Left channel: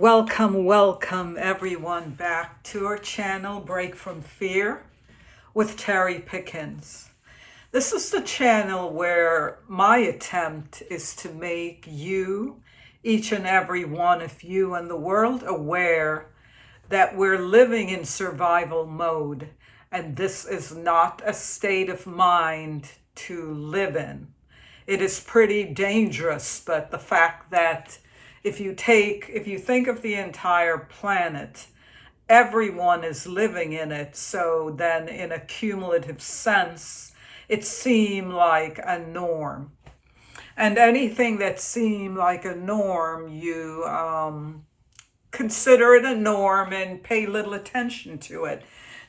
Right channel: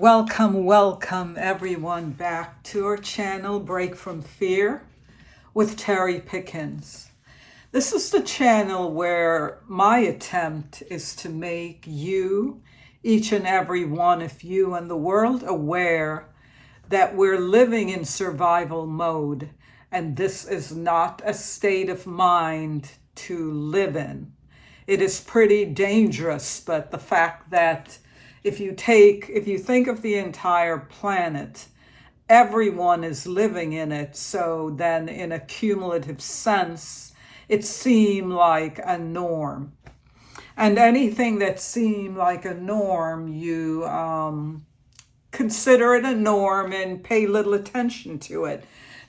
Welcome everyone back to our channel, Break from Fear with Terry Pickens. This is the channel where my attempt is to make you, each and every one of you in the world, aware that we're living in survival mode, and this is not a state of mind to live in. It is pretty dangerous, but the fact that if you think of the entire planet, everyone is living in it. So then in a cumulative sense, it seemed like a norm. And anything that seemed like a norm, you consider it a norm and pay little attention to it.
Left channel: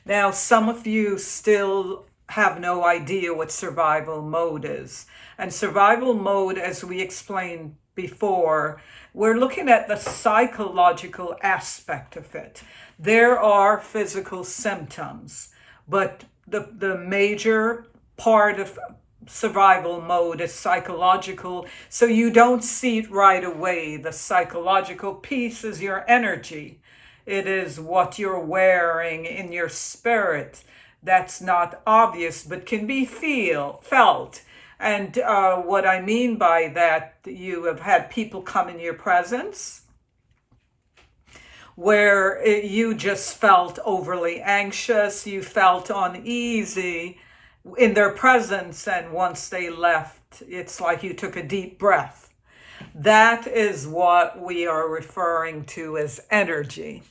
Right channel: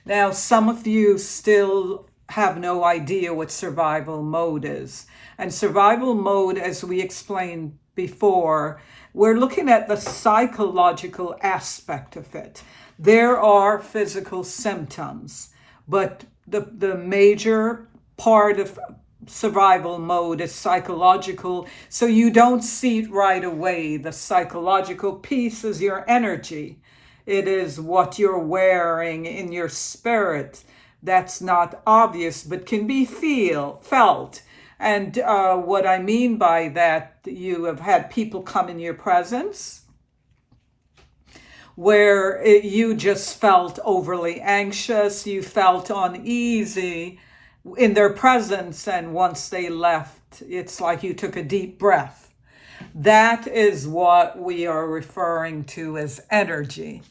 Now, some of you still have no idea what survival mode is. And survival mode, as we explained before, we're looking at the psychological aspect of it. There are physical symptoms, but the major part of survival mode is psychological. So you don't see it right away. The psychological piece is your energy. It is what you're wearing in your spirit. That's not obvious, but can be felt. And what I mean by that, you have had people come in your presence where you just felt overly anxious, you felt uneasy in their presence, and once they left, it's like you took a deep breath. That is what we are referring to as energy.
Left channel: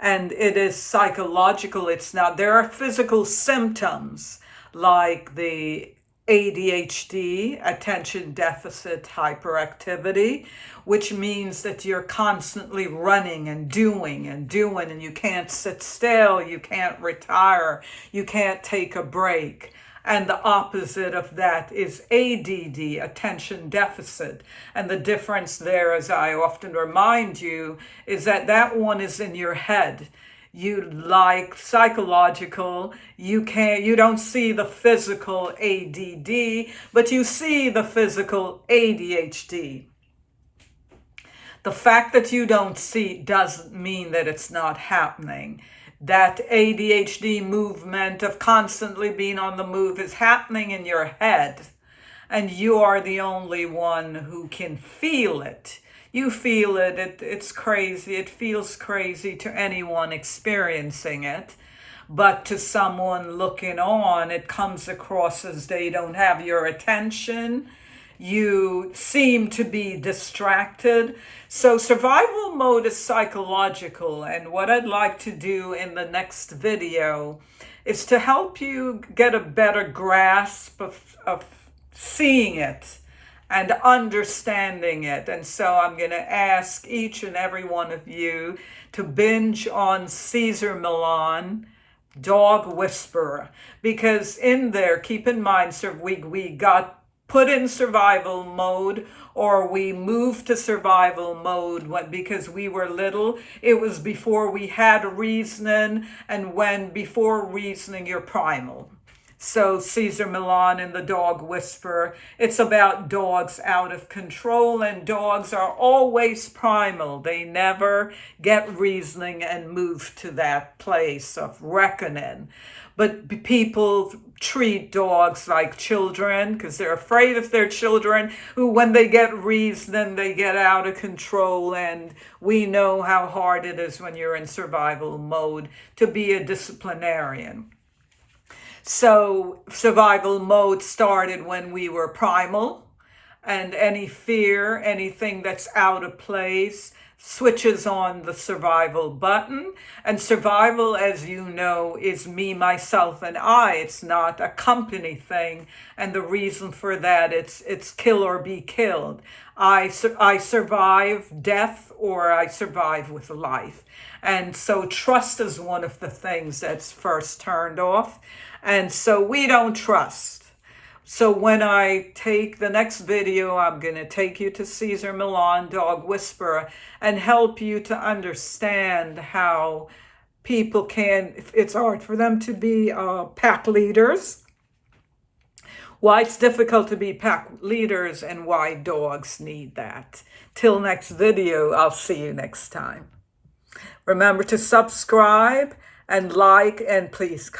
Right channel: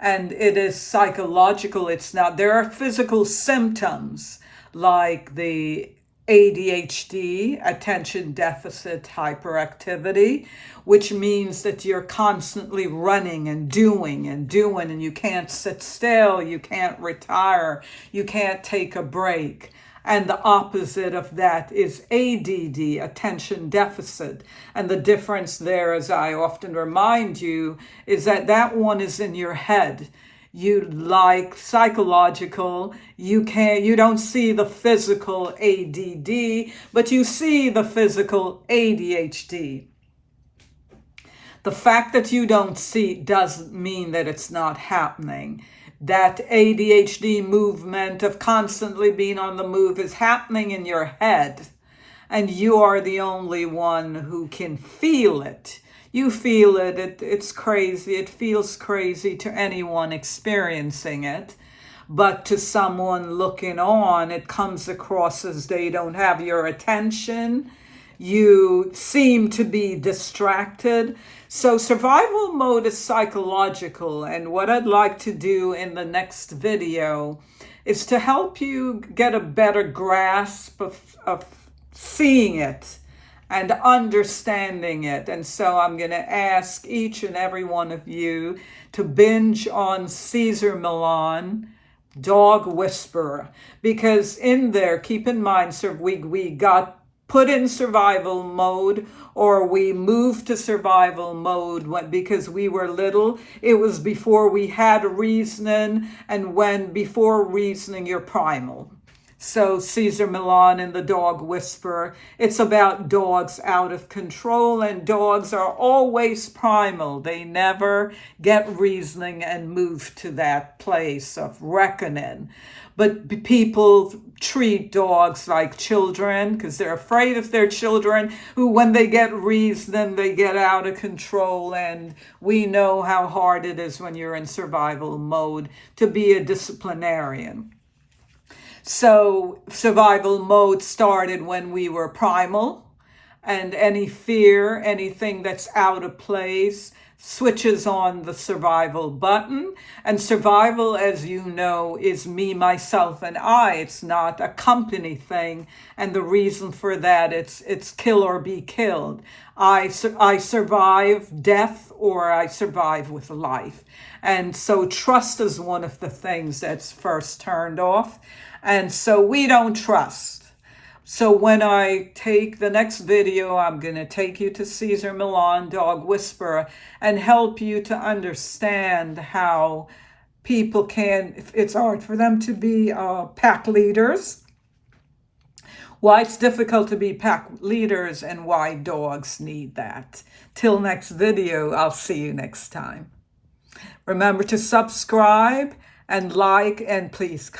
And it is psychological. It's not, there are physical symptoms like the ADHD, attention deficit hyperactivity, which means that you're constantly running and doing, and you can't sit still, you can't retire, you can't take a break. And the opposite of that is ADD, attention deficit. And the difference there, as I often remind you, is that that one is in your head. You like psychological, you don't see the physical ADD, but you see the physical ADHD. The fact that you don't see doesn't mean that it's not happening. That ADHD movement of constantly being on the move is happening in your head, and you are the only one who can feel it. You feel it, it's crazy, it feels crazy to anyone experiencing it, but to someone looking on, it comes across as they don't have your attention. You seem to be distracted. So survival mode is psychological, and what I'd like to do in the next video is to help you get a better grasp of seeing it and understanding it. And so I'm going to ask each and every one of you to binge on Cesar Millan, Dog Whisperer, because in there, keep in mind, sir, we got put in survival mode, or we moved to survival mode because we were little. It was before we had reasoning, and before reasoning, you're primal. So Cesar Millan and the Dog Whisperer, it's about dogs out of control, and dogs are always primal. They never get reasoning and move to that place of reckoning. But people treat dogs like children because they're afraid of their children, who when they get reasoning, they get out of control. And we know how hard it is when you're in survival mode to be a disciplinarian. So survival mode started when we were primal, and any fear, anything that's out of place, switches on the survival button. And survival, as you know, is me, myself, and I. It's not a company thing. And the reason for that, it's kill or be killed. I survive death, or I survive with life. And so trust is one of the things that's first turned off. And so we don't trust. So when I take the next video, I'm going to take you to Cesar Millan, Dog Whisperer, and help you to understand how people it's hard for them to be pack leaders, why it's difficult to be pack leaders, and why dogs need that. Till next video, I'll see you next time. Remember to subscribe and like, and please